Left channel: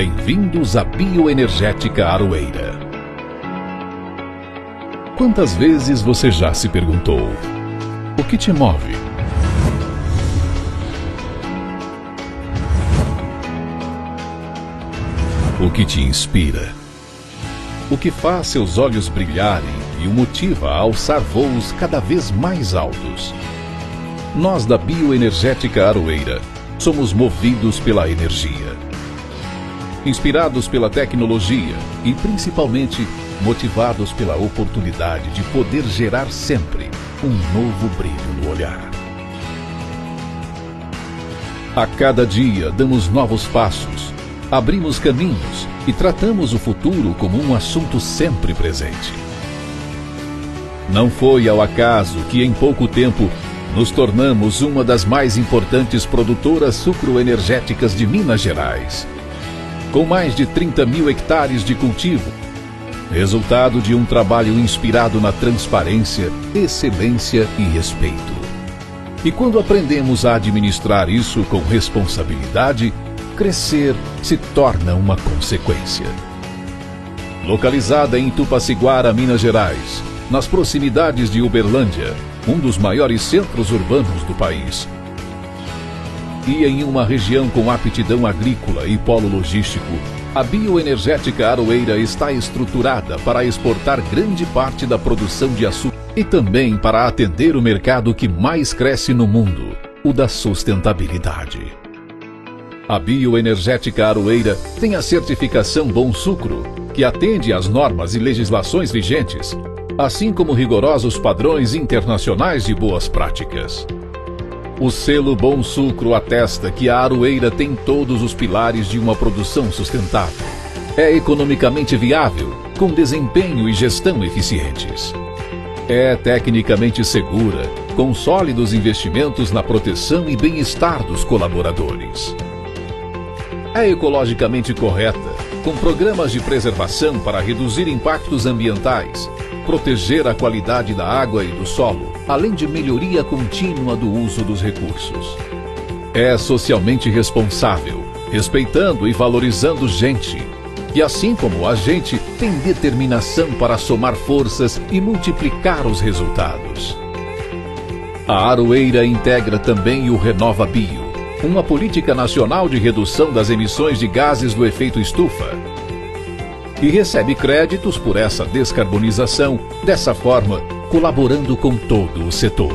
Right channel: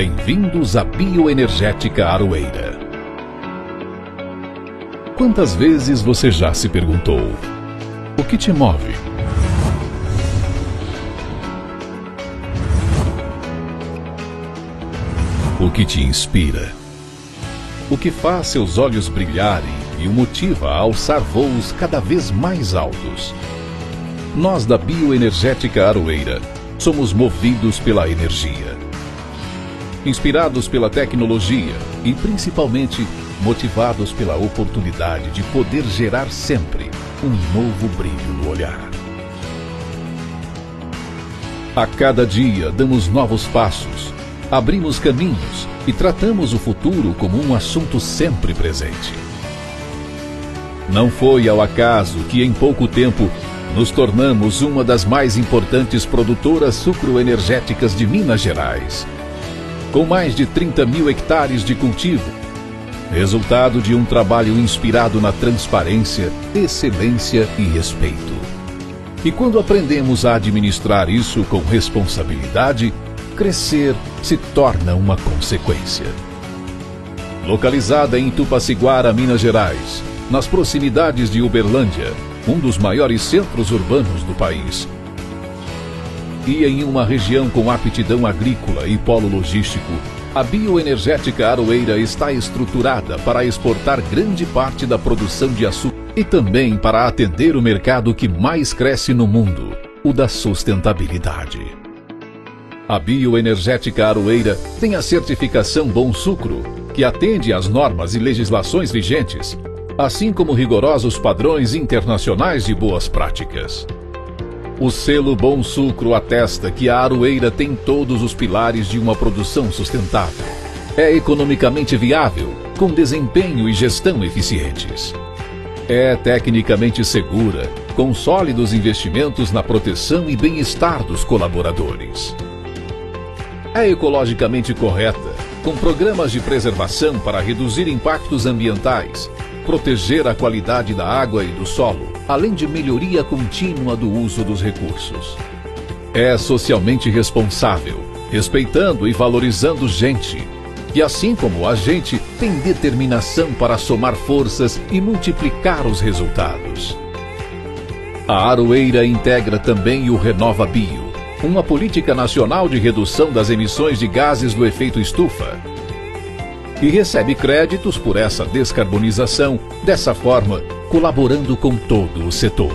Bem-vindos à Bioenergética Aroeira. Quantas vezes você já se perguntou: o que te move? O que te inspira? O que faz seus olhos brilharem e o motiva a alçar voos cada vez mais altos? Nós da Bioenergética Aroeira somos movidos pela energia, inspirados pela tecnologia e principalmente motivados pela oportunidade de poder gerar sempre um novo brilho no olhar. A cada dia damos novos passos, abrimos caminhos e tratamos o futuro como um assunto sempre presente. Não foi ao acaso que em pouco tempo nos tornamos uma das mais importantes produtoras sucroenergéticas de Minas Gerais, com mais de 30 mil hectares de cultivo, resultado de um trabalho inspirado na transparência, excelência e respeito. E quando aprendemos a administrar isso com responsabilidade, crescer se torna uma consequência. Localizada em Tupaciguara, Minas Gerais, nas proximidades de Uberlândia, um dos maiores centros urbanos do país, e em uma região com aptidão agrícola e polo logístico, a Bioenergética Aroeira está estruturada para exportar grande parte da produção de açúcar e também para atender o mercado que mais cresce no mundo, o da sustentabilidade. A Bioenergética Aroeira tem a certificação Bom Sucro, que atende às normas e legislações vigentes, assim como rigorosos padrões internacionais de boas práticas. O selo Bom Sucro atesta que a aroeira tem todos os pilares de uma produção sustentável. É economicamente viável, com desempenho e gestão eficientes. É tecnicamente segura, com sólidos investimentos na proteção e bem-estar dos colaboradores. É ecologicamente correta, com programas de preservação para reduzir impactos ambientais, proteger a qualidade da água e do solo, além de melhoria contínua do uso dos recursos. É socialmente responsável, respeitando e valorizando gente, e assim como a gente, tem determinação para somar forças e multiplicar os resultados. A Aroeira integra também o Renova Bio, uma política nacional de redução das emissões de gases do efeito estufa, e recebe créditos por essa descarbonização, dessa forma, colaborando com todo o setor.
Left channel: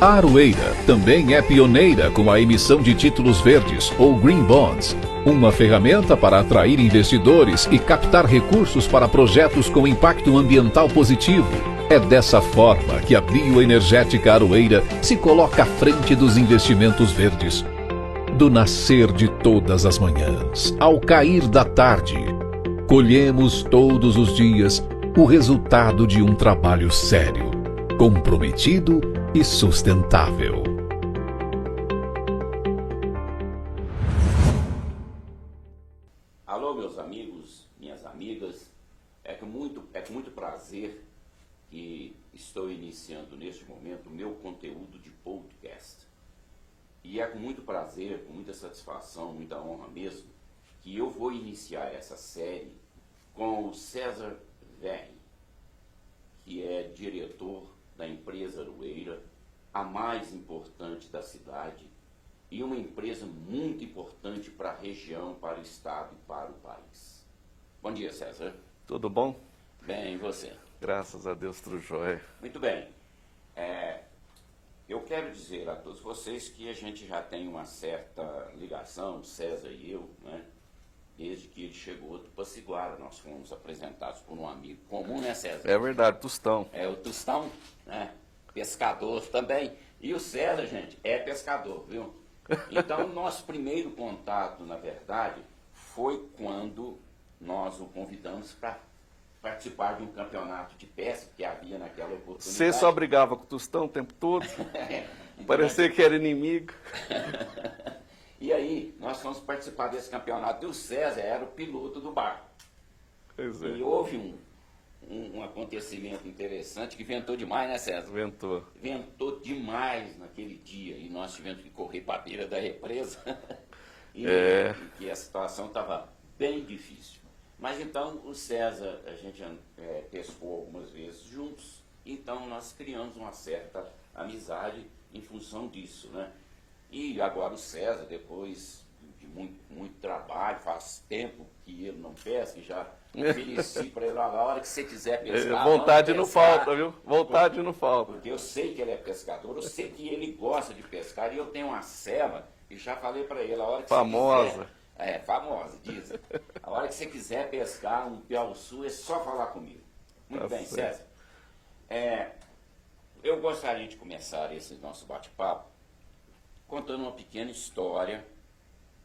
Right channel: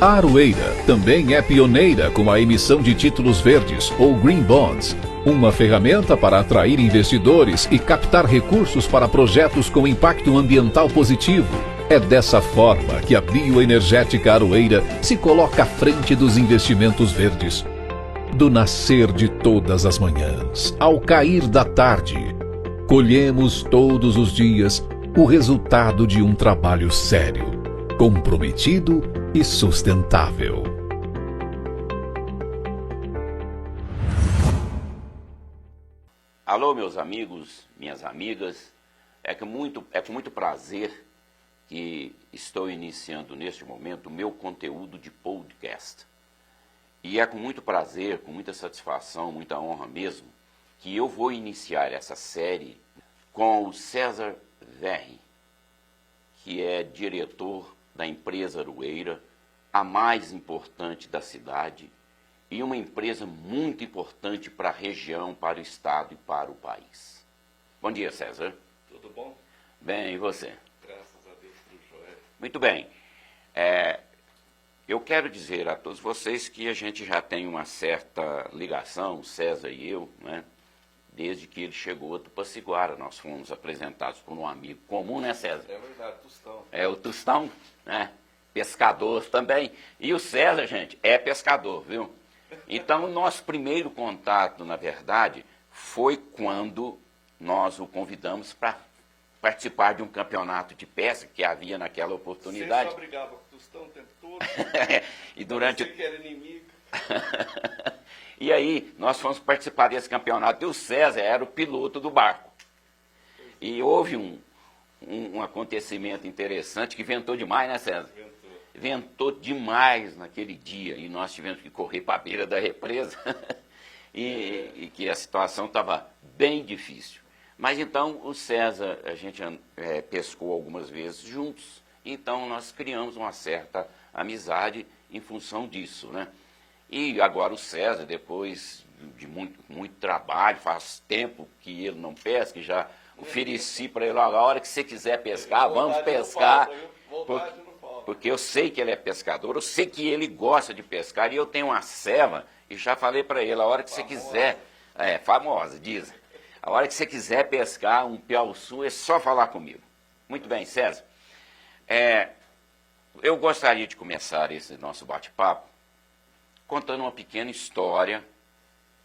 A Aroeira também é pioneira com a emissão de títulos verdes, ou Green Bonds, uma ferramenta para atrair investidores e captar recursos para projetos com impacto ambiental positivo. É dessa forma que a Bioenergética Aroeira se coloca à frente dos investimentos verdes. Do nascer de todas as manhãs, ao cair da tarde, colhemos todos os dias o resultado de um trabalho sério, comprometido e sustentável. Alô, meus amigos, minhas amigas, é com muito prazer que estou iniciando neste momento o meu conteúdo de podcast. E é com muito prazer, com muita satisfação, muita honra mesmo, que eu vou iniciar essa série com o César Verri, que é diretor da empresa Aroeira, a mais importante da cidade e uma empresa muito importante para a região, para o estado e para o país. Bom dia, César. Tudo bom? Bem, e você? Graças a Deus, tudo jóia. Muito bem. Eu quero dizer a todos vocês que a gente já tem uma certa ligação, César e eu, né? Desde que ele chegou a Tupaciguara. Nós fomos apresentados por um amigo comum, né, César? É verdade, Tostão. É o Tostão, né? Pescador também. E o César, gente, é pescador, viu? Então, o nosso primeiro contato, na verdade, foi quando nós o convidamos para participar de um campeonato de pesca que havia naquela oportunidade. Você só brigava com o Tostão o tempo todo? E parecia que era inimigo. E aí, nós fomos participar desse campeonato e o César era o piloto do barco. Pois é. E houve um acontecimento interessante que ventou demais, né, César? Ventou. Ventou demais naquele dia e nós tivemos que correr para a beira da represa e que a situação estava bem difícil. Mas então o César, a gente pescou algumas vezes juntos, então nós criamos uma certa amizade em função disso, né? E agora o César, depois de muito trabalho, faz tempo que ele não pesca, já ofereci para ele, a hora que você quiser pescar, vontade vamos não pescar. falta, viu? Vontade não falta. Porque eu sei que ele é pescador, eu sei que ele gosta de pescar, e eu tenho uma ceva, e já falei para ele, a hora que Famosa. você quiser... famosa, dizem. A hora que você quiser pescar um piau-sul, é só falar comigo. Muito bem, César. Eu gostaria de começar esse nosso bate-papo contando uma pequena história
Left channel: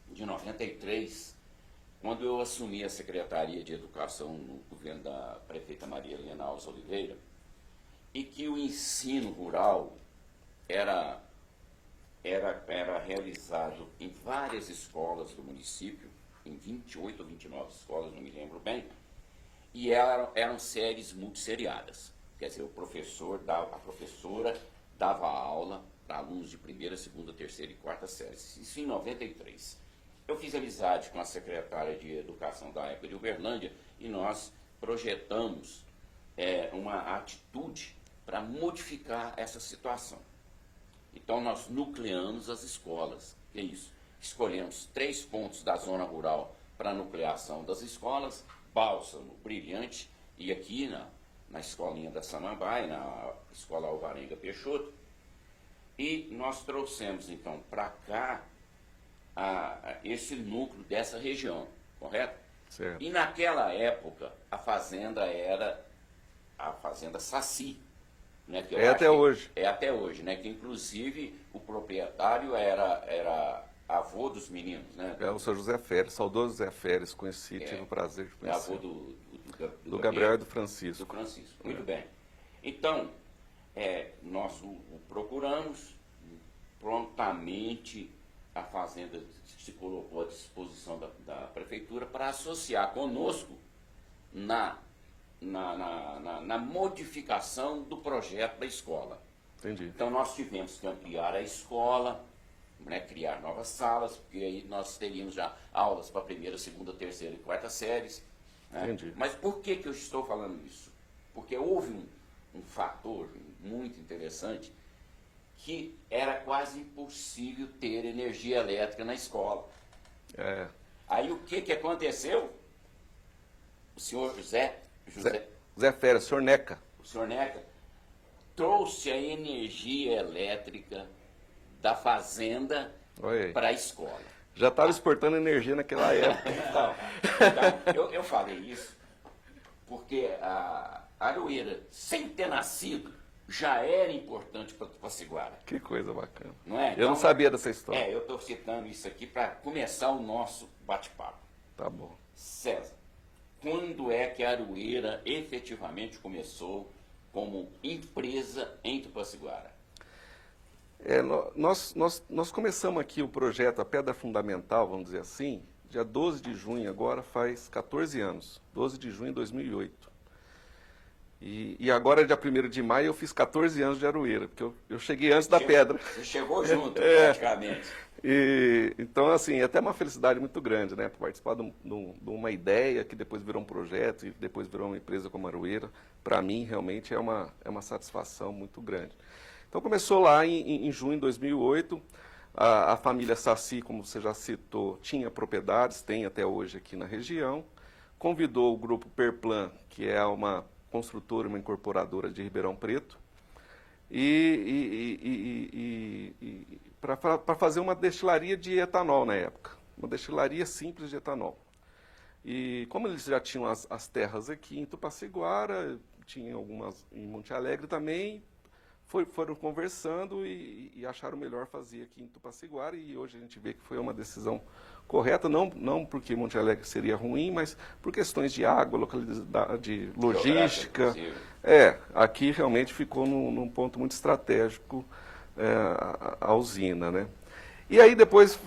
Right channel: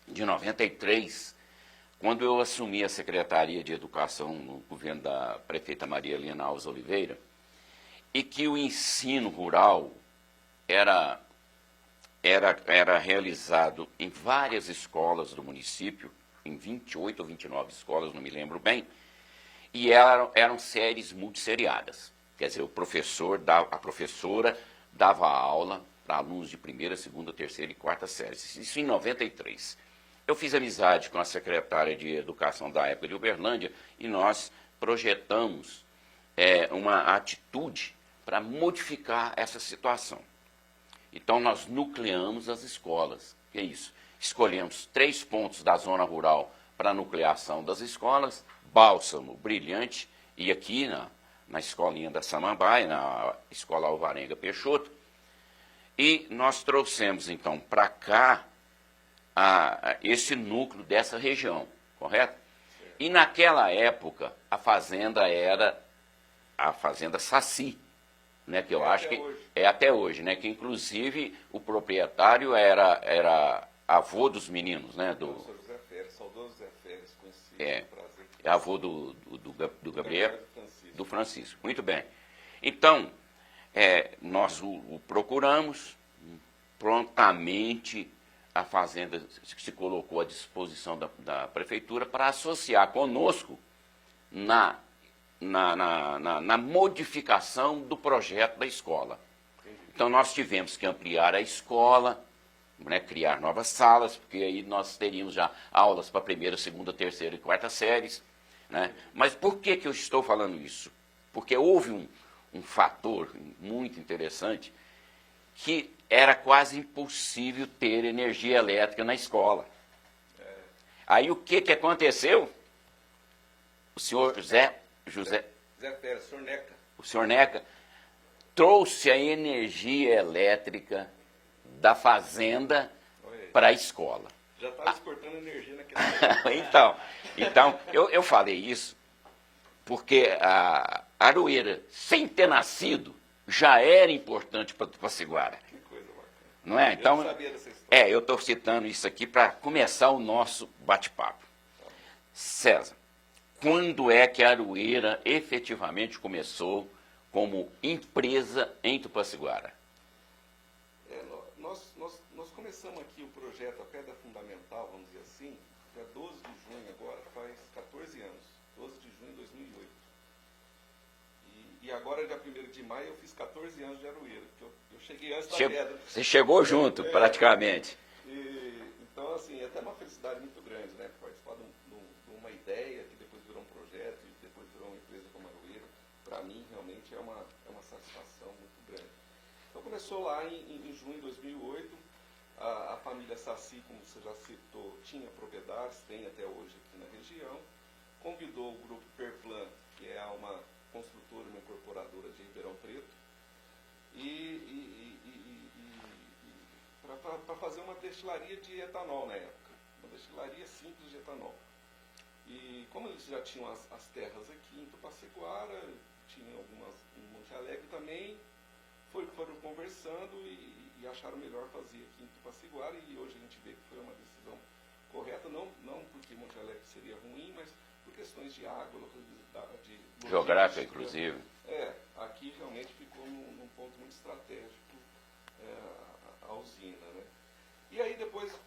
de 93, quando eu assumi a Secretaria de Educação no governo da prefeita Maria Helena Alves Oliveira, e que o ensino rural era realizado em várias escolas do município, em 28 ou 29 escolas, não me lembro bem, e eram séries multisseriadas. Quer dizer, a professora dava aula para alunos de primeira, segunda, terceira e quarta séries. Isso em 93. Eu fiz amizade com a secretária de Educação da época de Uberlândia e nós projetamos uma atitude para modificar essa situação. Então, nós nucleamos as escolas. Que é isso? Escolhemos 3 pontos da zona rural para a nucleação das escolas: Bálsamo, Brilhante e aqui na escolinha da Samambaia, na Escola Alvarenga Peixoto. E nós trouxemos, então, para cá esse núcleo dessa região, correto? Certo. E naquela época, a fazenda era a Fazenda Saci. Né, que eu acho até hoje. É até hoje, né? Que inclusive o proprietário era avô dos meninos, né? É o seu José Feres, saudoso José Feres, conhecido, tive o prazer de conhecer. Avô do Gabriel e do Francisco. Do Francisco, muito bem. Então, nós o procuramos, prontamente a fazenda se colocou à disposição da prefeitura para associar conosco na modificação do projeto da escola. Entendi. Então, nós tivemos que ampliar a escola, né, criar novas salas, porque aí nós teríamos já aulas para primeira, segunda, terceira e quarta séries. Né? Mas por que eu estou falando isso? Porque houve um fator muito interessante, que era quase impossível ter energia elétrica na escola. Aí o que aconteceu? O senhor José Feres, senhor Neca. O senhor Neca trouxe a energia elétrica da fazenda para a escola. Já estava exportando energia naquela época. Então eu falei isso porque a Aroeira, sem ter nascido, já era importante para Tupaciguara. Que coisa bacana. Não é? Eu não sabia dessa história. Eu estou citando isso aqui para começar o nosso bate-papo. Tá bom. César, quando é que a Aroeira efetivamente começou como empresa em Tupaciguara? Nós começamos aqui o projeto, a Pedra Fundamental, vamos dizer assim, dia 12 de junho, agora faz 14 anos, 12 de junho de 2008. E agora, dia 1º de maio, eu fiz 14 anos de Aroeira, porque eu cheguei antes da pedra. Você chegou junto, praticamente. Então, assim, é até uma felicidade muito grande, né? Participar de uma ideia que depois virou um projeto e depois virou uma empresa como a Aroeira. Para mim, realmente, é uma satisfação muito grande. Então, começou lá em junho de 2008. A família Saci, como você já citou, tinha propriedades, tem até hoje aqui na região. Convidou o grupo Perplan, que é uma construtora, uma incorporadora de Ribeirão Preto, para fazer uma destilaria de etanol na época, uma destilaria simples de etanol. E como eles já tinham as terras aqui em Tupaciguara, tinham algumas em Monte Alegre também, foram conversando e acharam melhor fazer aqui em Tupaciguara, e hoje a gente vê que foi uma decisão correta, não porque Monte Alegre seria ruim, mas por questões de água, localidade, logística. Aqui realmente ficou num ponto muito estratégico a usina, né? E aí depois,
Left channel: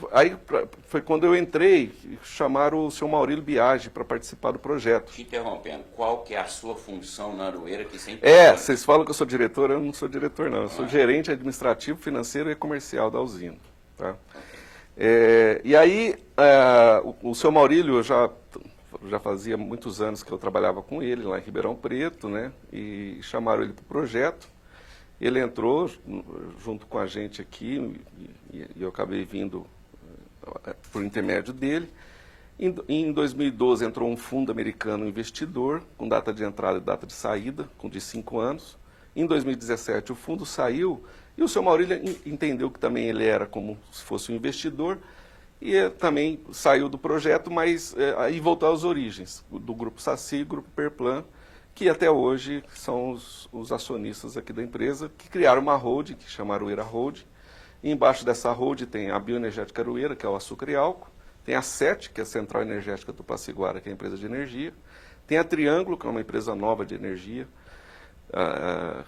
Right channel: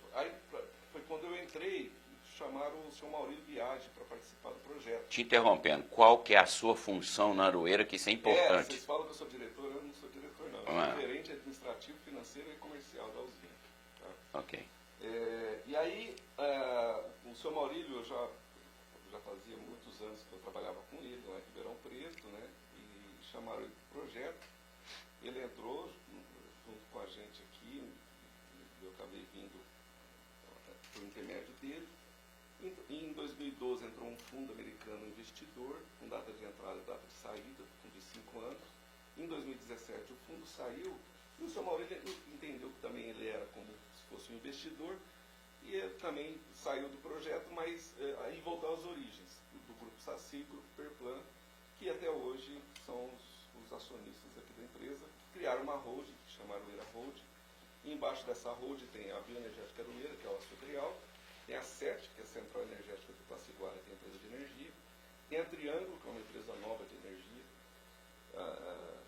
foi quando eu entrei, chamaram o senhor Maurílio Biagi para participar do projeto. Te interrompendo, qual que é a sua função na Aroeira que sempre importante? Vocês falam que eu sou diretor, eu não sou diretor não, eu sou gerente administrativo, financeiro e comercial da usina. Tá? Okay. E aí, o senhor Maurílio, eu já já fazia muitos anos que eu trabalhava com ele lá em Ribeirão Preto, né? E chamaram ele para o projeto. Ele entrou junto com a gente aqui e eu acabei vindo por intermédio dele. Em 2012 entrou um fundo americano investidor com data de entrada e data de saída, de 5 anos. Em 2017 o fundo saiu e o seu Maurílio entendeu que também ele era como se fosse um investidor e também saiu do projeto, mas aí voltou às origens do Grupo Saci e Grupo Perplan, que até hoje são os acionistas aqui da empresa, que criaram uma holding, que chamaram Aroeira Holding. E embaixo dessa holding tem a Bioenergética Aroeira, que é o açúcar e álcool. Tem a SET, que é a Central Energética Tupaciguara, que é a empresa de energia. Tem a Triângulo, que é uma empresa nova de energia,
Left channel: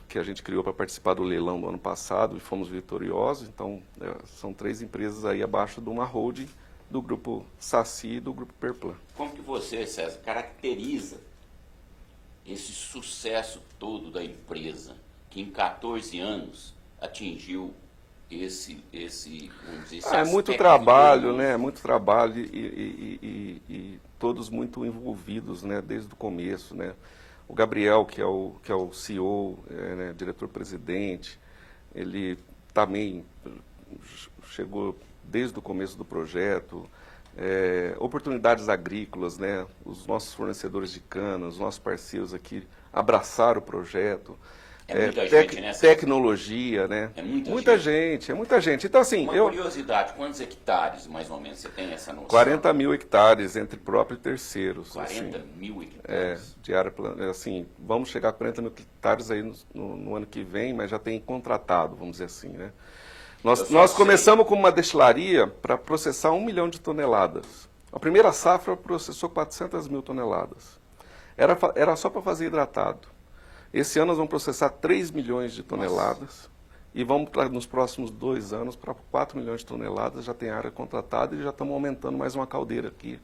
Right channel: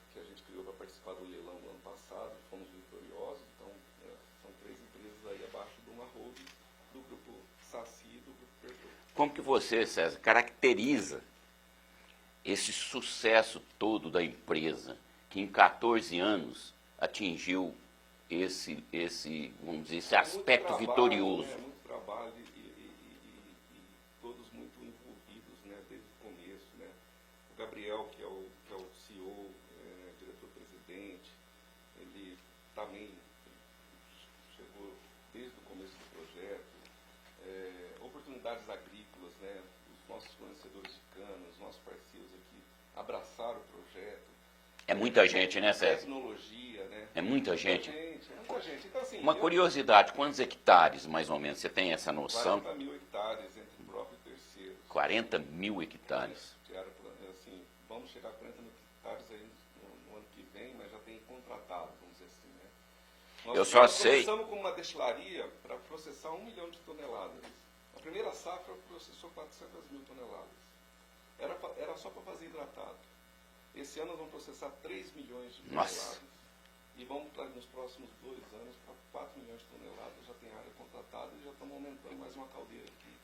que a gente criou para participar do leilão do ano passado e fomos vitoriosos. Então, são 3 empresas aí abaixo de uma holding do Grupo Saci e do Grupo Perplan. Como que você, César, caracteriza esse sucesso todo da empresa, que em 14 anos atingiu esse vamos dizer, esse é muito trabalho, né? É muito trabalho e todos muito envolvidos, né? Desde o começo, né? O Gabriel, que é o CEO, né? Diretor-presidente, ele também chegou desde o começo do projeto. Oportunidades agrícolas, né? Os nossos fornecedores de cana, os nossos parceiros aqui abraçaram o projeto. Muita gente, né, tecnologia, né? É muita gente. É muita gente. Então, assim, uma curiosidade, quantos hectares, mais ou menos, você tem essa noção? 40 mil hectares entre próprios e terceiros. 40 assim, mil hectares? De área, assim, vamos chegar a 40 mil hectares aí no ano que vem, mas já tem contratado, vamos dizer assim, né? Nós começamos com uma destilaria para processar 1 milhão de toneladas. A primeira safra processou 400 mil toneladas. Era só para fazer hidratado. Esse ano nós vamos processar 3 milhões de toneladas. Nossa. E vamos, nos próximos 2 anos, para 4 milhões de toneladas. Já tem área contratada e já estamos aumentando mais uma caldeira aqui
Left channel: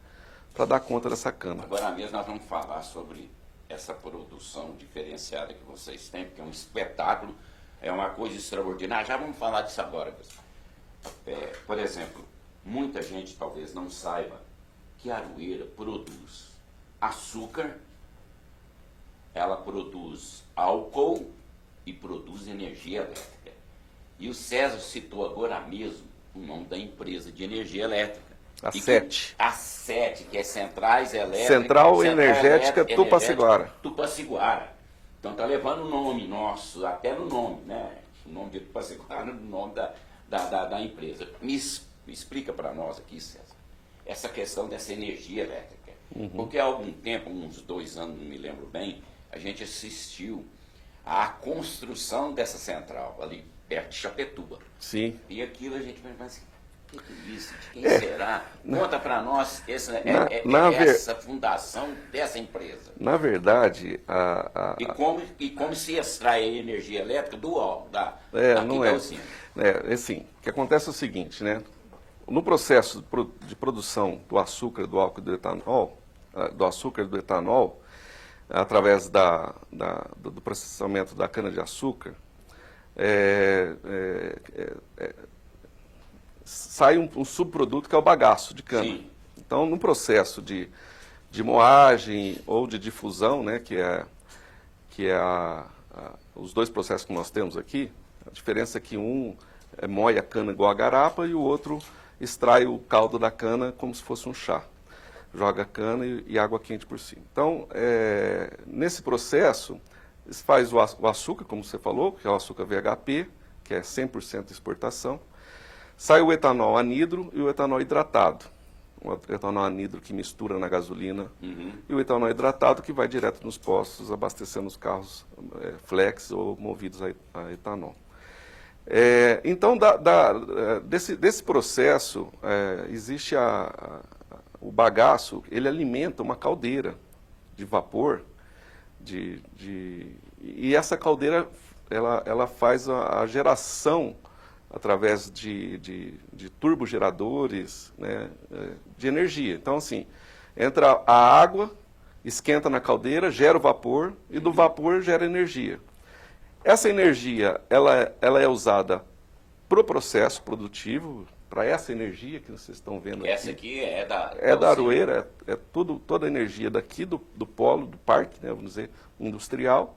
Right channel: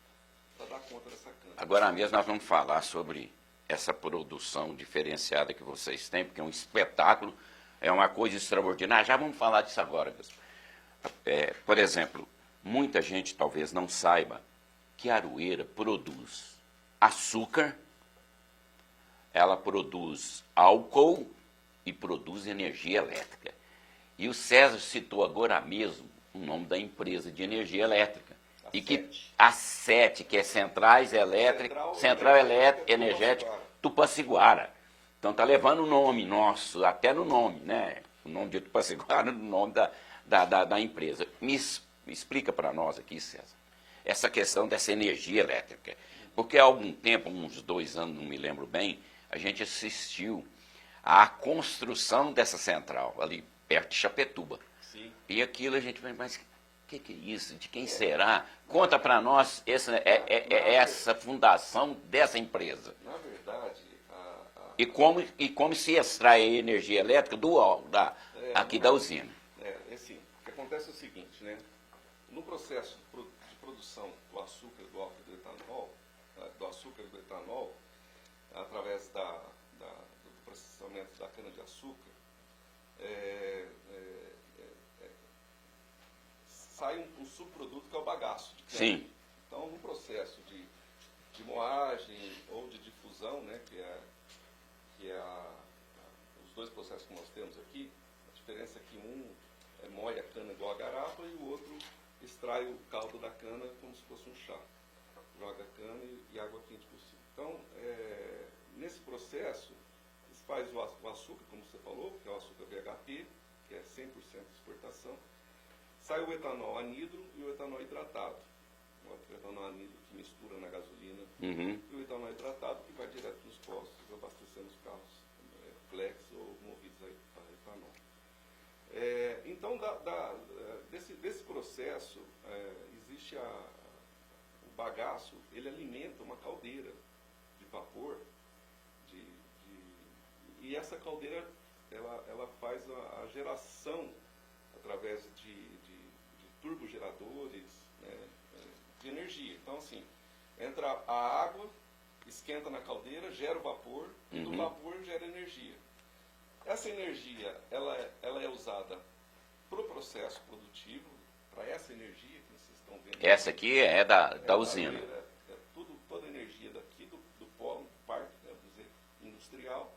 para dar conta dessa cana. Agora mesmo nós vamos falar sobre essa produção diferenciada que vocês têm, porque é um espetáculo. É uma coisa extraordinária. Já vamos falar disso agora, pessoal. Por exemplo, muita gente talvez não saiba que a Aroeira produz açúcar, ela produz álcool e produz energia elétrica. E o César citou agora mesmo o nome da empresa de energia elétrica. A SET. A SET, que é Centrais Elétricas. Central Energética Tupaciguara. Tupaciguara. Então está levando o nome nosso, até no nome, né? O nome de Tupaciguara, o nome da empresa. Me explica para nós aqui, César, essa questão dessa energia elétrica. Uhum. Porque há algum tempo, uns 2 anos, não me lembro bem, a gente assistiu à construção dessa central, ali perto de Chapecó. Sim. E aquilo a gente vai, mas o que é isso? De quem será? Conta para nós essa fundação dessa empresa. Na verdade, E como se extrai energia elétrica aqui da usina. Assim, o que acontece é o seguinte, né? No processo de produção do açúcar, do álcool e do etanol, através do processamento da cana-de-açúcar, sai um subproduto que é o bagaço de cana. Sim. Então, no processo de moagem ou de difusão, né, que é os 2 processos que nós temos aqui, a diferença é que um moe a cana igual a garapa e o outro extrai o caldo da cana como se fosse um chá. Joga a cana e água quente por cima. Então, nesse processo, se faz o açúcar, como você falou, que é o açúcar VHP, que é 100% exportação. Sai o etanol anidro e o etanol hidratado. O etanol anidro que mistura na gasolina e o etanol hidratado que vai direto nos postos, abastecendo os carros flex ou movidos a etanol. Então, desse processo, existe o bagaço, ele alimenta uma caldeira de vapor, e essa caldeira ela faz a geração através de turbogeradores, né, de energia. Então, assim, entra a água, esquenta na caldeira, gera o vapor, e do vapor gera energia. Essa energia ela é usada para o processo produtivo, para essa energia que vocês estão vendo Essa aqui é da da usina. Aroeira, é toda a energia daqui do polo, do parque, né, vamos dizer, industrial,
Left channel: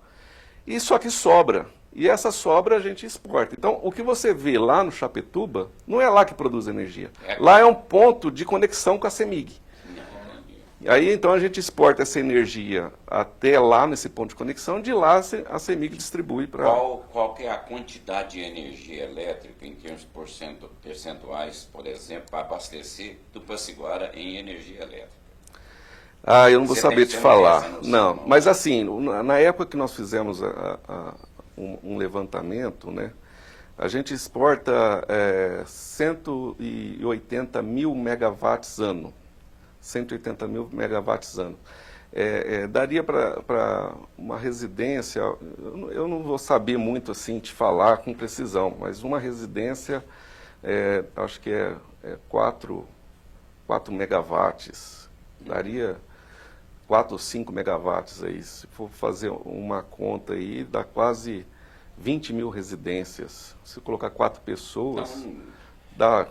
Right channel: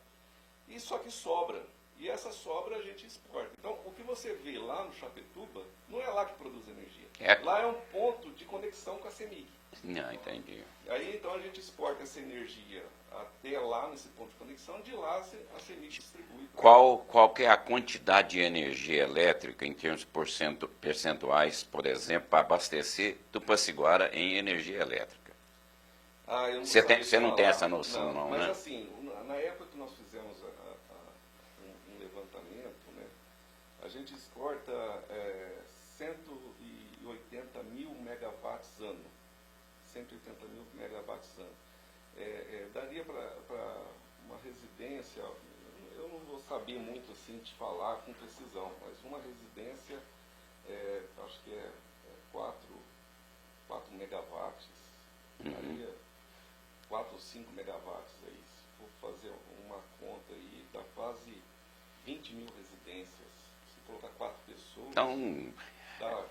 e só que sobra. E essa sobra a gente exporta. Então, o que você vê lá no Chapecó não é lá que produz energia. Lá é um ponto de conexão com a CEMIG. Entendi. Aí, então, a gente exporta essa energia até lá, nesse ponto de conexão, de lá a CEMIG distribui para... Qual que é a quantidade de energia elétrica, em termos percentuais, por exemplo, para abastecer Tupaciguara em energia elétrica? Ah, eu não vou Você saber te não tem falar. essa noção, Não, mas né? assim, na época que nós fizemos um levantamento, né, a gente exporta 180 mil megawatts ano. 180 mil megawatts ano. Daria para uma residência, eu não vou saber muito assim te falar com precisão, mas uma residência, acho que é 4 megawatts, daria 4 ou 5 megawatts aí, se for fazer uma conta aí, dá quase 20 mil residências. Se colocar 4 pessoas, Então, dá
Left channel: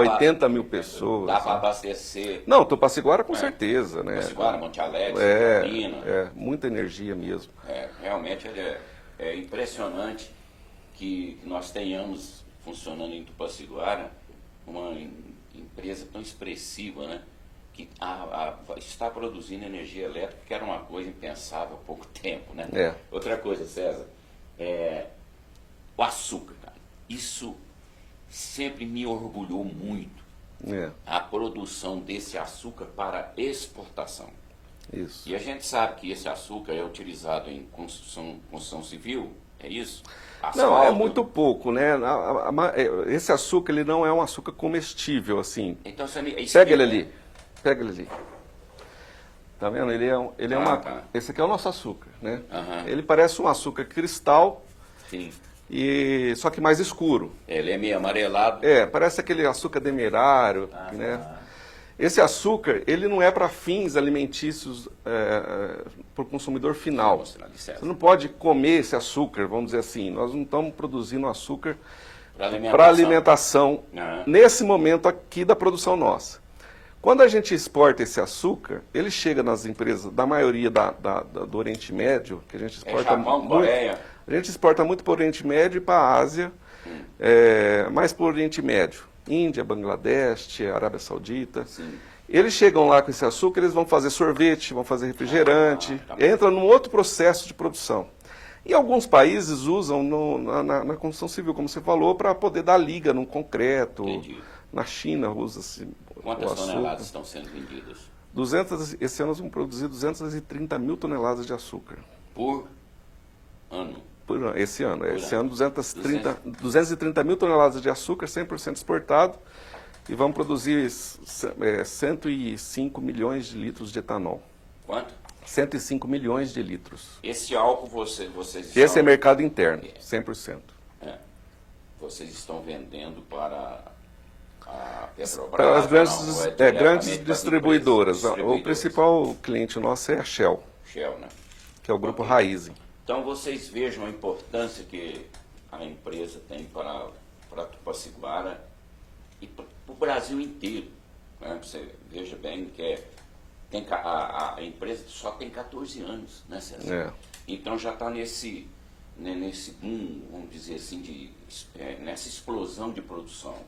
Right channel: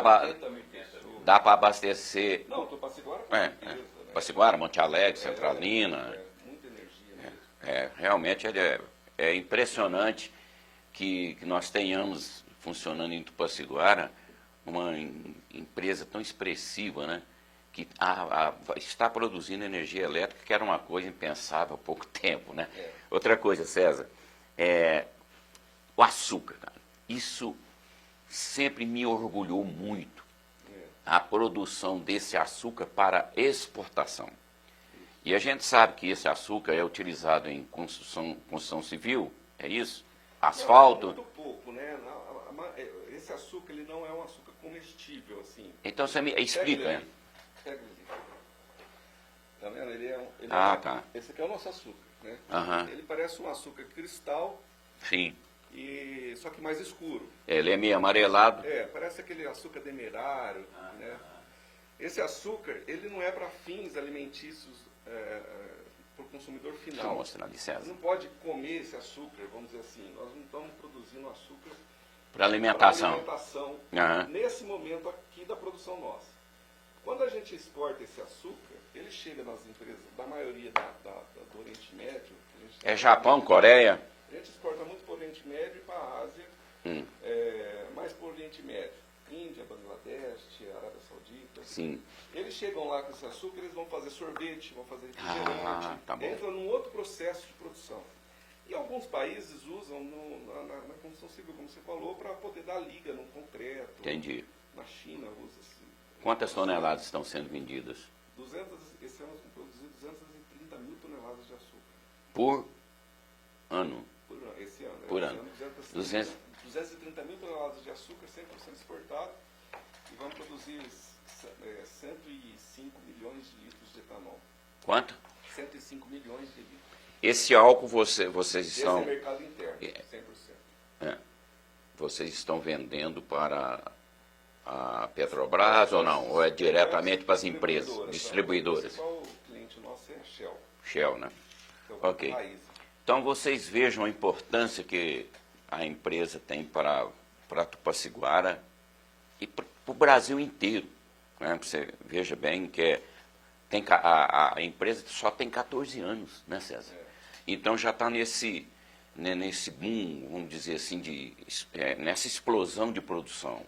80 mil pessoas. Dá para abastecer Não, Tupaciguara com certeza, né? Tupaciguara, Monte Alegre, Centralina. Muita energia mesmo. Realmente é impressionante que nós tenhamos funcionando em Tupaciguara uma empresa tão expressiva, né? Que está produzindo energia elétrica, que era uma coisa impensável há pouco tempo, né? Outra coisa, César, o açúcar, cara. Isso sempre me orgulhou muito. A produção desse açúcar para exportação. Isso. E a gente sabe que esse açúcar é utilizado em construção civil, é isso? Asfalto. Não, é muito pouco, né? Esse açúcar, ele não é um açúcar comestível, assim. Então você me Pega ele ali. Pega ele ali. Tá vendo? Tá. Esse aqui é o nosso açúcar, né? Aham. Ele parece um açúcar cristal, Sim. só que mais escuro. Ele é meio amarelado. Parece aquele açúcar demerário, né? Esse açúcar, ele não é para fins alimentícios para o consumidor final. Vou mostrar ali, César. Você não pode comer esse açúcar, vamos dizer assim. Nós não estamos produzindo açúcar Para para alimentação Aham. nesse momento aqui da produção nossa. Quando a gente exporta esse açúcar, ele chega nas empresas da maioria do Oriente Médio, que a gente exporta Japão, muito, Coreia. A gente exporta muito para o Oriente Médio e para a Ásia, mais para o Oriente Médio. Índia, Bangladesh, Arábia Saudita. Sim. Eles chegam lá com esse açúcar, eles vão fazer sorvete, vão fazer refrigerante, tá bom. entra num outro processo de produção. E alguns países usam na construção civil, como você falou, para poder dar liga num concreto. Entendi. Na China usa-se Quantas o açúcar. toneladas estão sendo vendidas? Esse ano nós vamos produzir 230 mil toneladas de açúcar. Por ano? Esse ano. Por Esse ano. ano 230 mil toneladas de açúcar, 100% exportado. E vamos produzir 105 milhões de litros de etanol. Quanto? 105 milhões de litros. Esse álcool vocês Esse estão... é mercado interno, 100%. Vocês estão vendendo para a Petrobras? Para as grandes, ou não? Ou é grandes diretamente para as distribuidoras. empresas? O principal cliente nosso é a Shell, Shell, né? que é o grupo Ok. Raízen. Então vocês vejam a importância que a empresa tem para Tupaciguara e para o Brasil inteiro. Né? Você veja bem que a empresa só tem 14 anos, né, César? Então já está nesse boom, vamos dizer assim, nessa explosão de produção.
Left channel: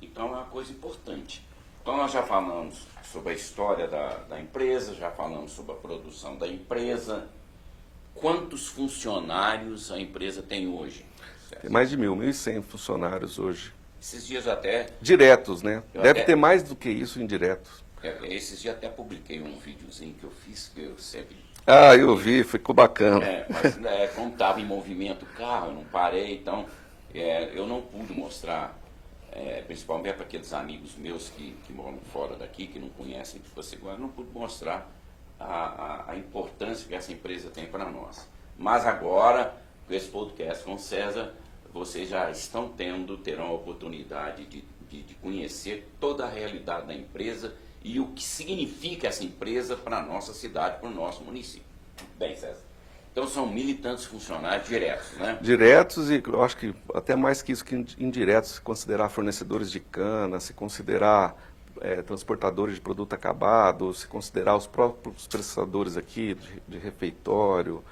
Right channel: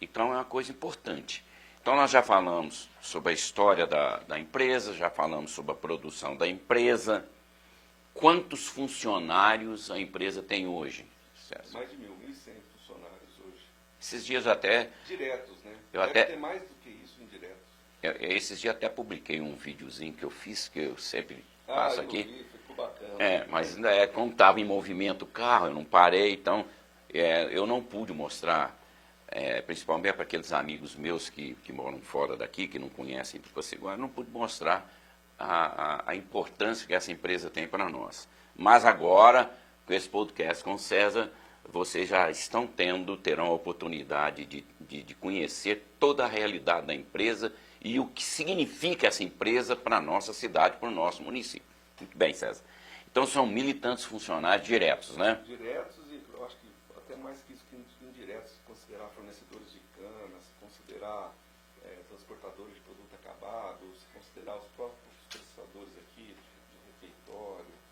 Então é uma coisa importante. Então nós já falamos sobre a história da empresa, já falamos sobre a produção da empresa. Quantos funcionários a empresa tem hoje? Tem mais de 1.100 funcionários hoje. Esses dias até, Diretos, né? Eu Deve até- ter mais do que isso indiretos. esses dias até publiquei um videozinho que eu fiz, que eu sempre... Ah, eu vi, ficou bacana. Mas como estava em movimento o carro, eu não parei, então eu não pude mostrar, principalmente para aqueles amigos meus que moram fora daqui, que não conhecem Tupaciguara, eu não pude mostrar a importância que essa empresa tem para nós. Mas agora, com esse podcast com o César, vocês já terão a oportunidade de conhecer toda a realidade da empresa e o que significa essa empresa para a nossa cidade, para o nosso município. Muito bem, César. Então, Então são militantes funcionários diretos, né? Diretos e eu acho que até mais que isso, que indiretos, se considerar fornecedores de cana, se considerar transportadores de produto acabado, se considerar os próprios prestadores aqui de refeitório,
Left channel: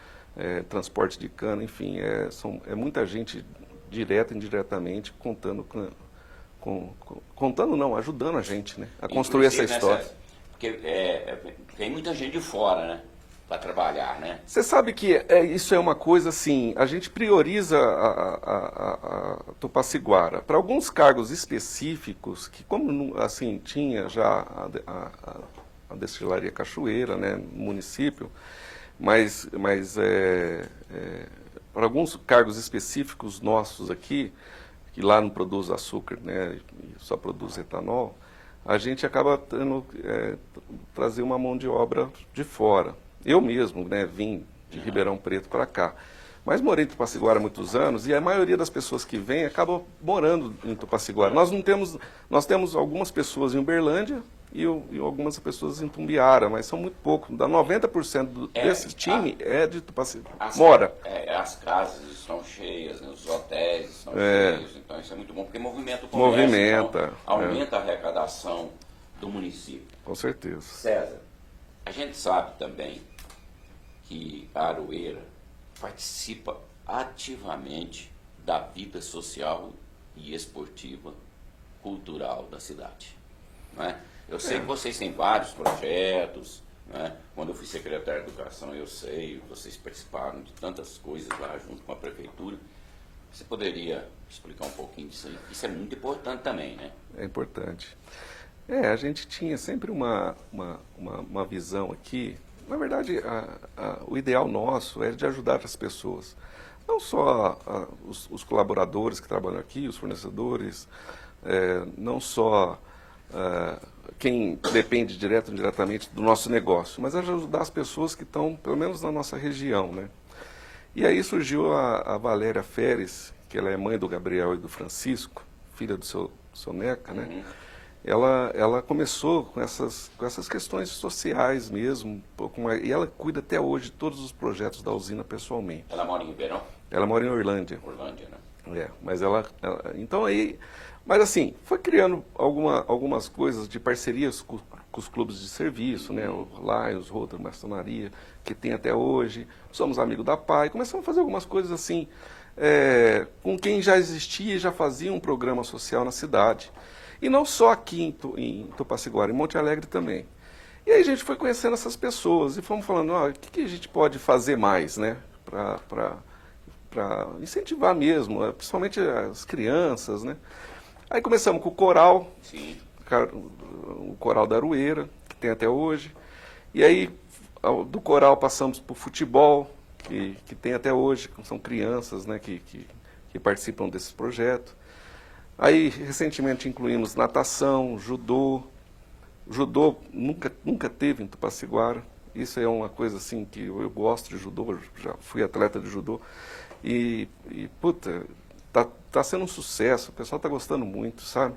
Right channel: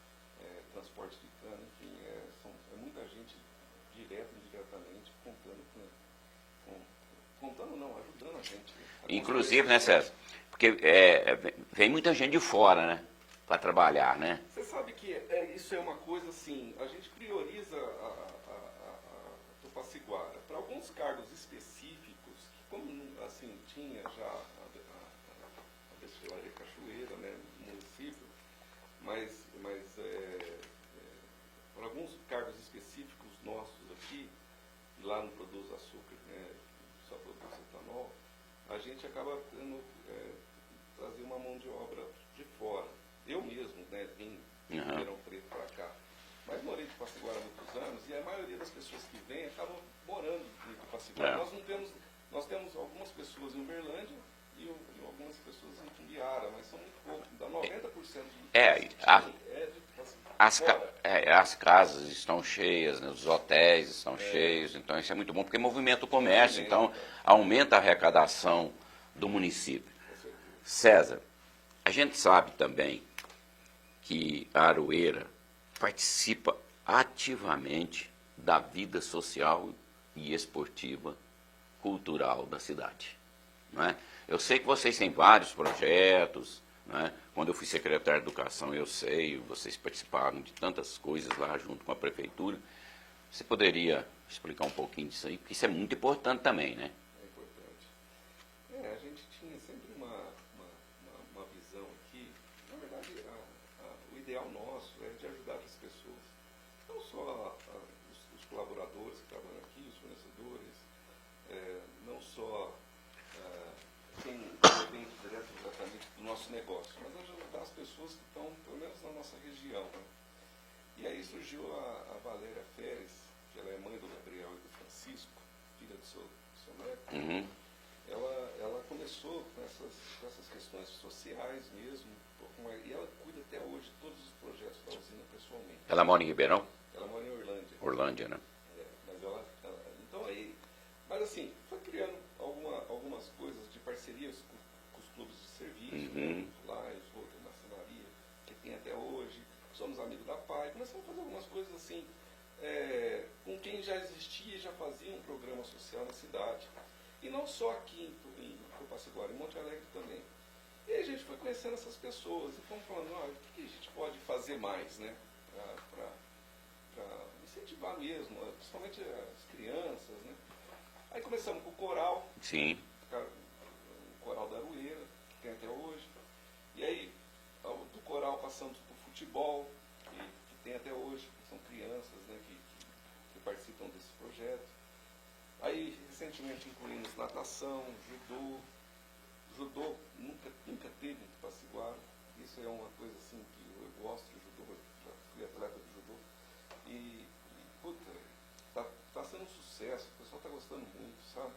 transporte de cana, enfim, é muita gente direta e indiretamente contando não, ajudando a gente, né, a construir essa história. Porque vem muita gente de fora, né? Para trabalhar, né? Você sabe que isso é uma coisa assim, a gente prioriza a Tupaciguara para alguns cargos específicos que, como assim tinha já a destilaria Cachoeira, né, no município, mas para alguns cargos específicos nossos aqui, que lá não produz açúcar, né, só produz etanol, a gente acaba tendo trazer uma mão de obra de fora. Eu mesmo, né, vim de Ribeirão Preto para cá. Mas morei em Tupaciguara há muitos anos e a maioria das pessoas que vêm acabam morando em Tupaciguara. Nós temos algumas pessoas em Uberlândia e algumas pessoas em Tumbiara, mas são muito poucos. Dá 90% desse time é de Tupaciguara. As casas estão cheias, né, os hotéis estão cheios, então isso é muito bom porque movimenta o comércio, então aumenta a arrecadação do município. Com certeza. César, a gente sabe também que a Aroeira participa ativamente da vida social e esportiva, cultural da cidade. Não é? Eu sei que vocês têm vários projetos, não é? Quando eu fui secretário de Educação, eu sei, vocês participaram de tantas coisas lá junto com a Prefeitura. Você poderia explicar um pouquinho disso aí? Isso é muito importante também, né? É importante. A gente tinha sempre uma visão aqui. Na verdade, o ideal nosso é de ajudar as pessoas. Não só os colaboradores que trabalham aqui, os fornecedores, não só quem depende direto ou indiretamente do nosso negócio, mas ajudar as pessoas que estão, pelo menos na nossa região, né? E aí surgiu a Valéria Feres, que ela é mãe do Gabriel e do Francisco, filha do seu Neca, né? Ela começou com essas questões sociais mesmo, e ela cuida até hoje de todos os projetos da usina pessoalmente. Ela mora em Ribeirão? Ela mora em Orlândia. Orlândia, né? Mas então aí, mas assim, foi criando algumas coisas de parcerias com os clubes de serviço, né? O Lions, Rotary, Maçonaria, que tem até hoje. Somos amigos da PAI, começamos a fazer algumas coisas assim, com quem já existia e já fazia um programa social na cidade. E não só aqui em Tupaciguara, em Monte Alegre também. E aí a gente foi conhecendo essas pessoas e fomos falando, o que a gente pode fazer mais, né? Para incentivar mesmo, principalmente as crianças, né? Aí começamos com o coral, sim, o coral da Aroeira, que tem até hoje. E aí do coral passamos para o futebol, que tem até hoje, são crianças, né, que participam desse projeto. Aí, recentemente, incluímos natação, judô. Judô nunca teve em Tupaciguara. Isso é uma coisa assim que eu gosto de judô, já fui atleta de judô. Puta, tá sendo um sucesso, o pessoal tá gostando muito, sabe?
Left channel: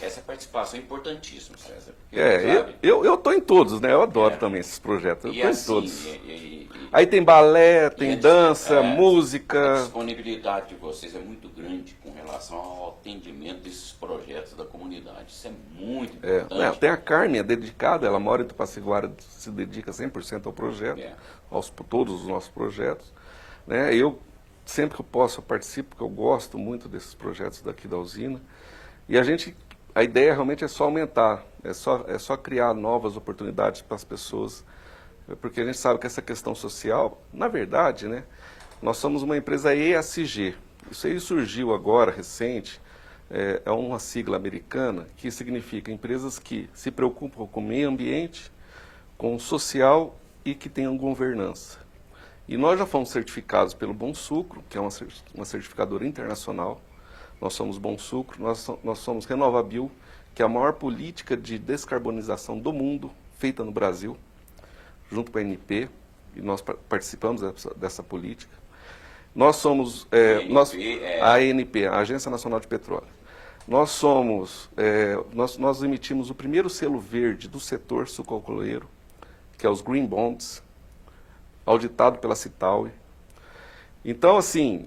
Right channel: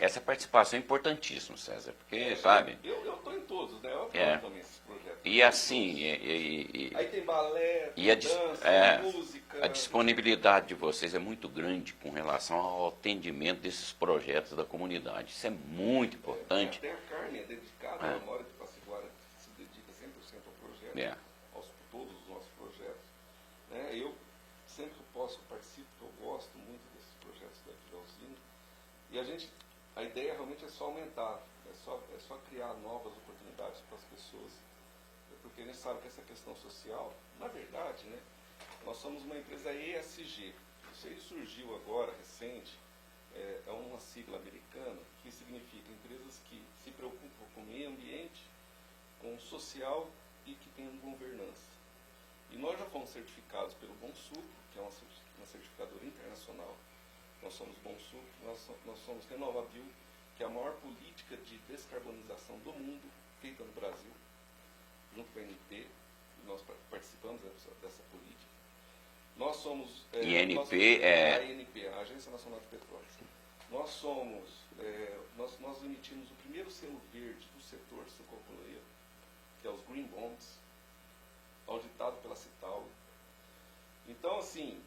Essa participação é importantíssima, César. Porque, sabe? Eu tô em todos, né? Eu adoro também esses projetos. Eu e tô assim, em todos. Aí tem balé, tem dança, a música. disponibilidade de vocês é muito grande com relação ao atendimento desses projetos da comunidade. Isso é muito importante. Tem a Carmen, é dedicada, ela mora em Tupaciguara, se dedica 100% ao projeto, todos os nossos projetos. Né? Eu, sempre que eu posso, eu participo, porque eu gosto muito desses projetos daqui da usina. E a ideia realmente é só aumentar, é só criar novas oportunidades para as pessoas, porque a gente sabe que essa questão social, na verdade, né, nós somos uma empresa ESG. Isso aí surgiu agora, recente, é uma sigla americana que significa empresas que se preocupam com o meio ambiente, com o social e que tenham governança. E nós já fomos certificados pelo Bom Sucro, que é uma certificadora internacional. Nós somos Bom Sucro, nós somos Renovabil, que é a maior política de descarbonização do mundo, feita no Brasil, junto com a ANP, e nós participamos dessa política. Nós somos a ANP, a Agência Nacional de Petróleo. Nós emitimos o primeiro selo verde do setor sucroalcooleiro, que é os Green Bonds, auditado pela Citaui. Então, assim,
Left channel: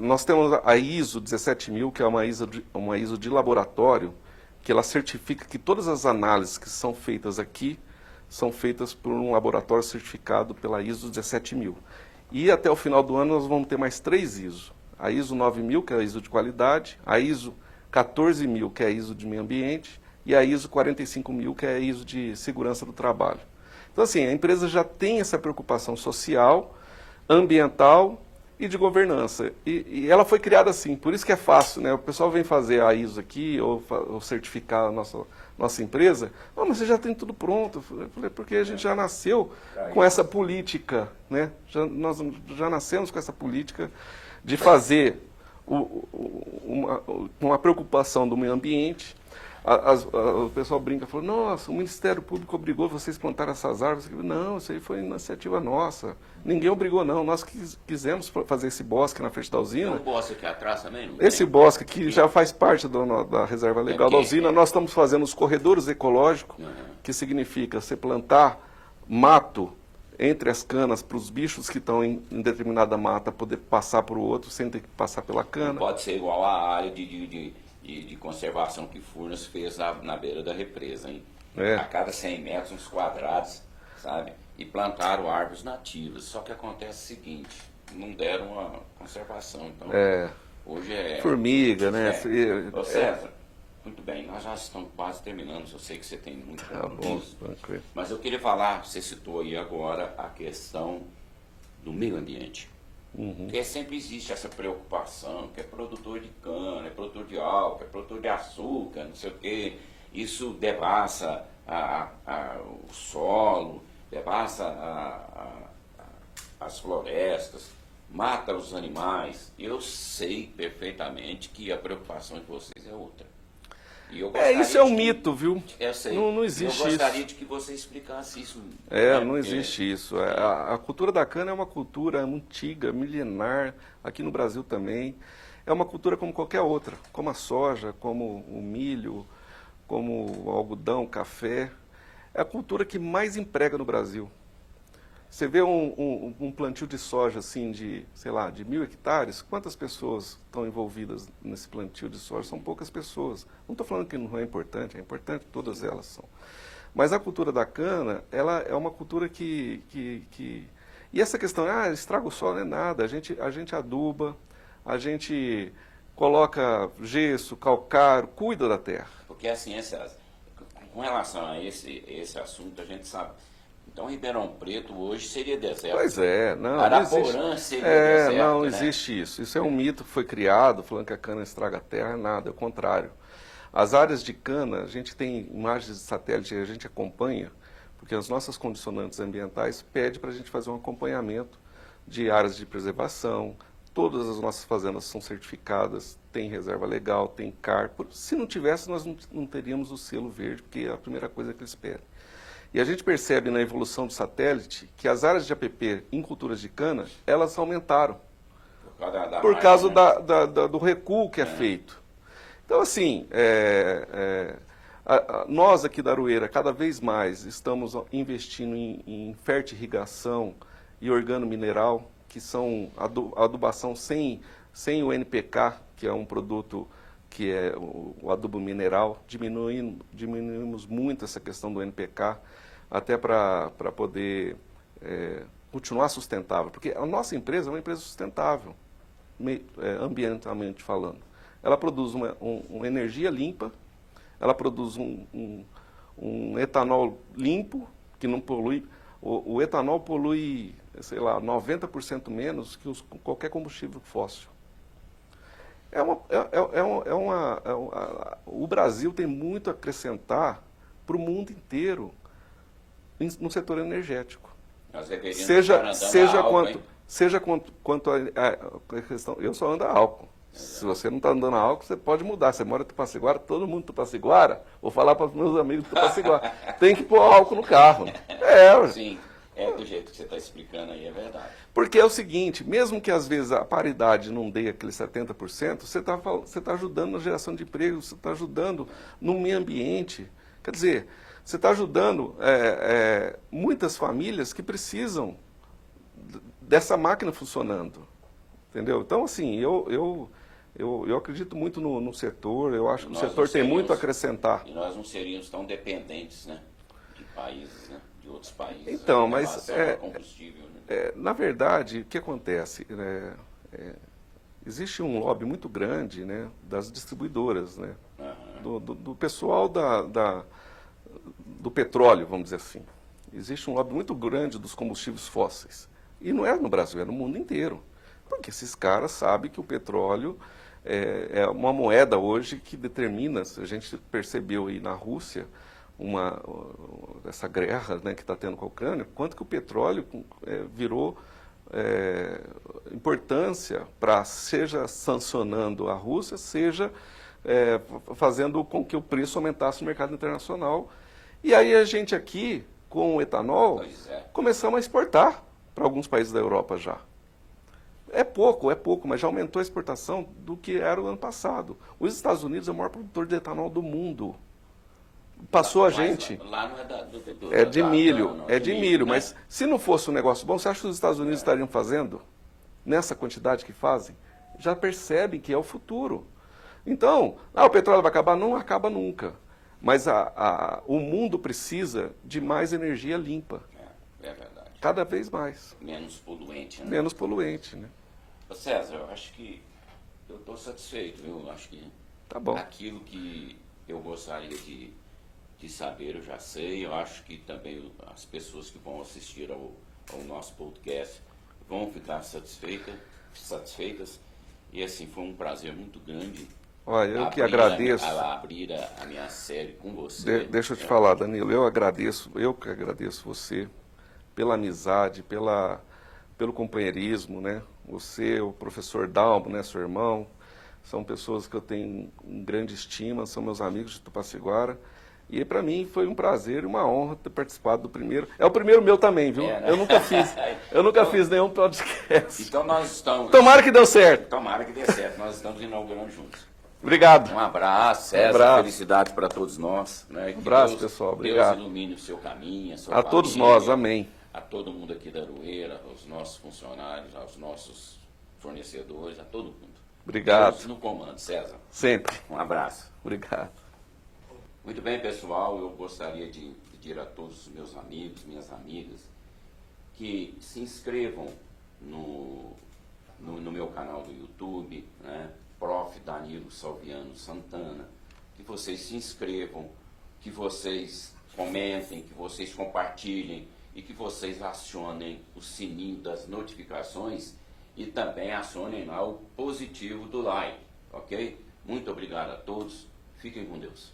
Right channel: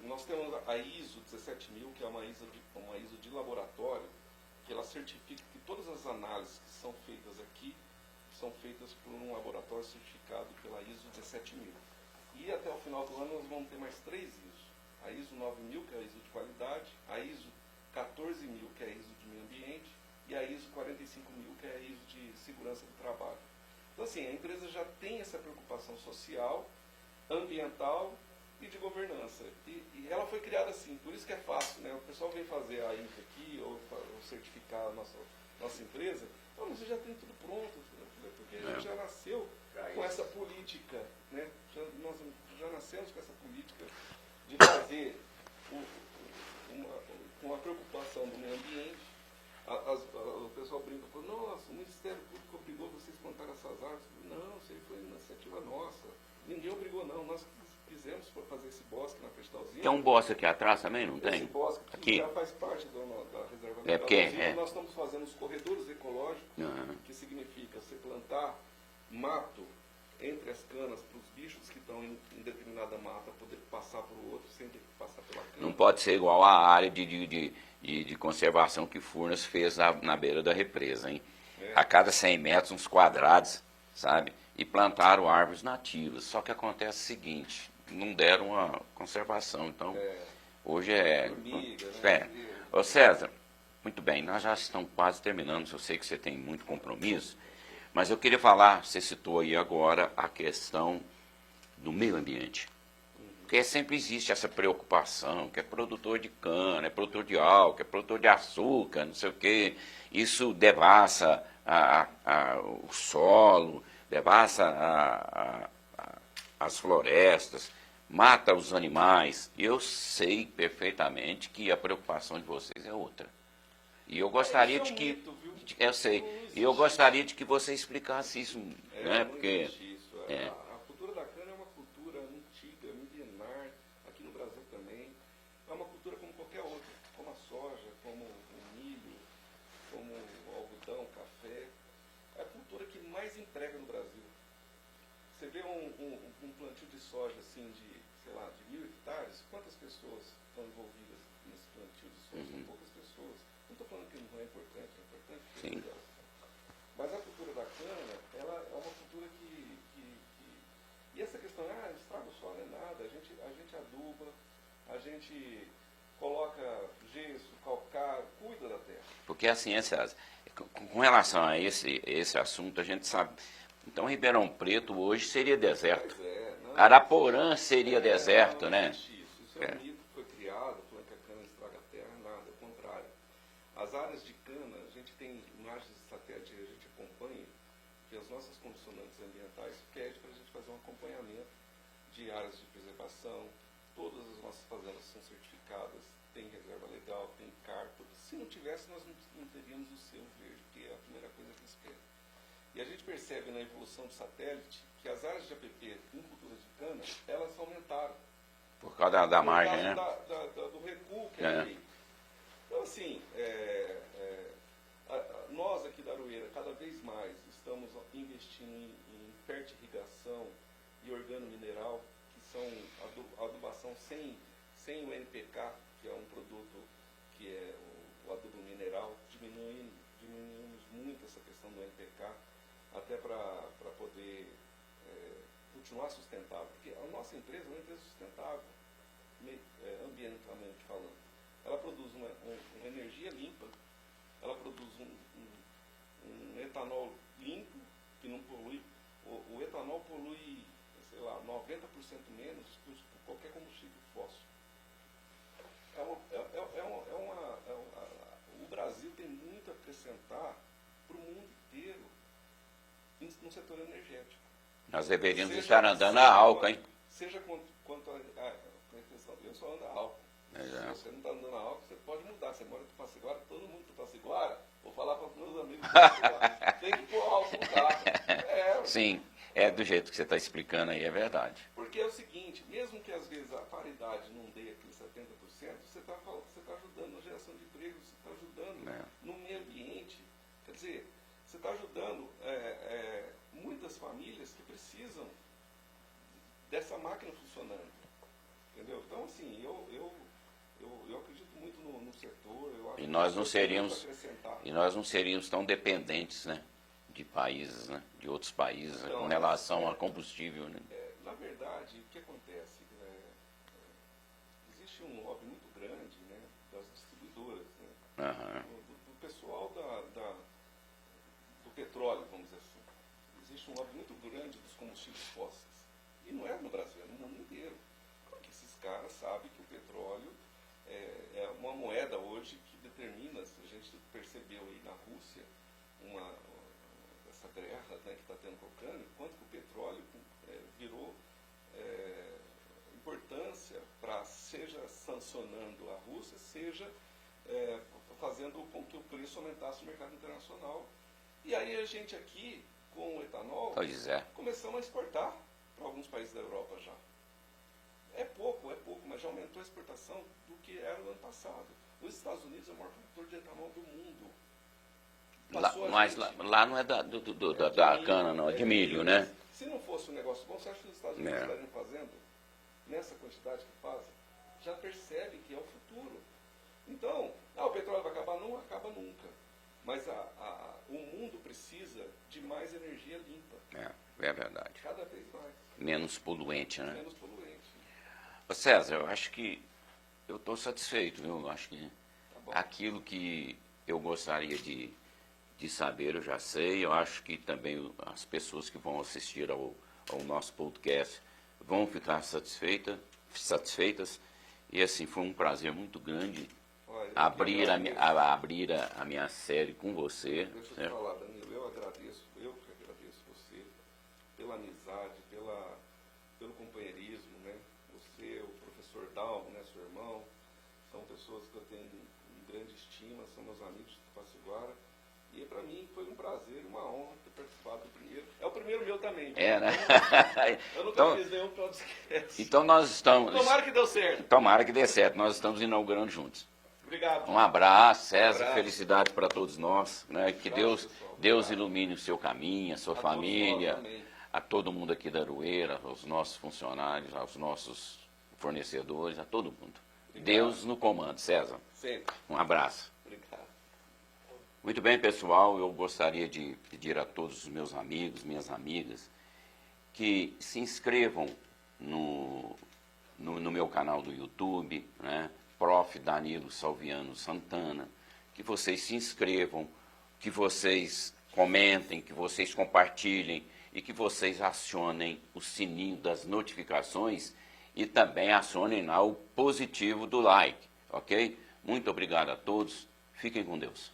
nós temos a ISO 17000, que é uma ISO de laboratório, que ela certifica que todas as análises que são feitas aqui são feitas por um laboratório certificado pela ISO 17000. E até o final do ano nós vamos ter mais 3 ISO. A ISO 9000, que é a ISO de qualidade, a ISO 14000, que é a ISO de meio ambiente, e a ISO 45000, que é a ISO de segurança do trabalho. Então, assim, a empresa já tem essa preocupação social, ambiental e de governança. E ela foi criada assim, por isso que é fácil, né? O pessoal vem fazer a ISO aqui, ou certificar a nossa empresa, mas você já tem tudo pronto. Eu falei, porque a gente já nasceu com essa política, né? Nós já nascemos com essa política de fazer uma preocupação do meio ambiente. O pessoal brinca, falou, nossa, o Ministério Público obrigou vocês a plantar essas árvores. Não, isso aí foi iniciativa nossa. Ninguém obrigou, não. Nós quisemos fazer esse bosque na frente da usina. Tem um bosque aqui atrás também? Não esse tem? bosque aqui já faz parte da reserva legal da usina. Nós estamos fazendo os corredores ecológicos, que significa você plantar mato entre as canas para os bichos que estão em determinada mata poder passar para o outro sem ter que passar pela cana. Não pode ser igual a área de conservação que Furnas fez na beira da represa, hein? A cada 100 metros, uns quadrados, sabe? E plantaram árvores nativas. Só que acontece o seguinte, não deram a conservação. Então, hoje é... Formiga, né? Ô César, muito bem, nós já estamos quase terminando, eu sei que você tem muito compromisso, mas eu queria falar, você citou aí agora a questão do meio ambiente. Porque sempre existe essa preocupação, que é produtor de cana, é produtor de álcool, é produtor de açúcar, não sei o quê. Isso devassa o solo, devassa as florestas, mata os animais. Eu sei perfeitamente que a preocupação de vocês é outra. E eu gostaria isso é um mito, viu? Eu sei. Não existe isso. Eu gostaria de que você explicasse isso. Não existe isso. A cultura da cana é uma cultura antiga, milenar, aqui no Brasil também. É uma cultura como qualquer outra, como a soja, como o milho, como o algodão, o café. É a cultura que mais emprega no Brasil. Você vê um plantio de soja assim de, sei lá, de 1000 hectares, quantas pessoas estão envolvidas nesse plantio de soja? São poucas pessoas. Não estou falando que não é importante todas elas são. Mas a cultura da cana, ela é uma cultura que... E essa questão, estraga o solo, não é nada. A gente aduba, a gente coloca gesso, calcário, cuida da terra. Porque assim, com relação a esse assunto, a gente sabe... Então, Ribeirão Preto hoje seria deserto. Pois é. Não, Araporã seria deserto, não existe isso. Isso é um mito que foi criado, falando que a cana estraga a terra, nada, é o contrário. As áreas de cana, a gente tem imagens de satélite, a gente acompanha, porque as nossas condicionantes ambientais pedem para a gente fazer um acompanhamento de áreas de preservação. Todas as nossas fazendas são certificadas, tem reserva legal, tem CAR. Se não tivesse, nós não teríamos o selo verde, porque é a primeira coisa que eles pedem. E a gente percebe na evolução do satélite que as áreas de APP em culturas de cana, elas aumentaram. Por causa do recuo que é feito. Então, assim, nós aqui da Aroeira, cada vez mais, estamos investindo em fertirrigação e organomineral, que são adubação sem o NPK, que é um produto que é o adubo mineral. Diminuímos muito essa questão do NPK, até para poder continuar sustentável. Porque a nossa empresa é uma empresa sustentável, ambientalmente falando. Ela produz uma energia limpa, ela produz um etanol limpo, que não polui. O etanol polui, sei lá, 90% menos que qualquer combustível fóssil. O Brasil tem muito a acrescentar para o mundo inteiro no setor energético. Nós deveríamos estar andando a álcool, hein? Seja quanto a questão... Eu só ando a álcool. Se você não está andando a álcool, você pode mudar. Você mora em Tupaciguara, todo mundo em Tupaciguara, vou falar para os meus amigos de Tupaciguara, tem que pôr álcool no carro. Sim, do jeito que você está explicando aí, é verdade. Porque é o seguinte, mesmo que às vezes a paridade não dê aquele 70%, você está ajudando na geração de emprego, você está ajudando no meio ambiente. Quer dizer, você está ajudando muitas famílias que precisam dessa máquina funcionando. Entendeu? Então, assim, eu acredito muito no setor, eu acho que o setor tem muito a acrescentar. E nós não seríamos tão dependentes, né, de países, né, de outros países, então, né, em mas relação ao combustível. Né? Na verdade, o que acontece? Existe um lobby muito grande, né, das distribuidoras, né, do pessoal do petróleo, vamos dizer assim. Existe um lobby muito grande dos combustíveis fósseis. E não é no Brasil, é no mundo inteiro. Porque esses caras sabem que o petróleo é uma moeda hoje que determina, a gente percebeu aí na Rússia, essa guerra, né, que está tendo com a Ucrânia, quanto que o petróleo virou importância para, seja sancionando a Rússia, seja fazendo com que o preço aumentasse no mercado internacional. E aí a gente aqui, com o etanol, começamos a exportar para alguns países da Europa já. É pouco, mas já aumentou a exportação do que era o ano passado. Os Estados Unidos é o maior produtor de etanol do mundo. Passou a gente. Lá não é de milho, é de milho, né? Mas se não fosse um negócio bom, você acha que os Estados Unidos estariam fazendo nessa quantidade que fazem? Já percebem que é o futuro. Então, o petróleo vai acabar? Não acaba nunca. Mas o mundo precisa de mais energia limpa. É verdade. Cada vez mais. Menos poluente, né? Menos poluente, né? Ô César, eu acho que eu estou satisfeito, viu? Eu acho que tá bom. Aquilo que eu gostaria de saber, eu já sei. Eu acho que também as pessoas que vão assistir ao nosso podcast vão ficar satisfeitas. E assim, foi um prazer muito grande. Olha, eu que agradeço. Abrir a minha série com você. Deixa eu te falar, Danilo, eu que agradeço você pela amizade, pelo companheirismo, né? Você, o professor Dalmo, né, seu irmão, são pessoas que eu tenho grande estima, são meus amigos de Tupaciguara. E para mim foi um prazer e uma honra ter participado do primeiro. É o primeiro meu também, viu? Né? Eu nunca fiz nenhum podcast. Então nós estamos... Tomara que deu certo. Tomara que dê certo. Nós estamos inaugurando juntos. Obrigado. Um abraço, César. Felicidades para todos nós. Né? Um abraço, pessoal. Obrigado. Deus ilumine o seu caminho, a sua família. A todos nós, amém. A todo mundo aqui da Aroeira, aos nossos funcionários, aos nossos fornecedores, a todo mundo. Obrigado. Deus no comando, César. Sempre. Um abraço. Obrigado. Muito bem, pessoal. Eu gostaria de pedir a todos os meus amigos, minhas amigas, que se inscrevam no meu canal do YouTube, né? Prof. Danilo Salviano Santana, que vocês se inscrevam, que vocês comentem, que vocês compartilhem e que vocês acionem o sininho das notificações e também acionem lá o positivo do like, ok? Muito obrigado a todos, fiquem com Deus.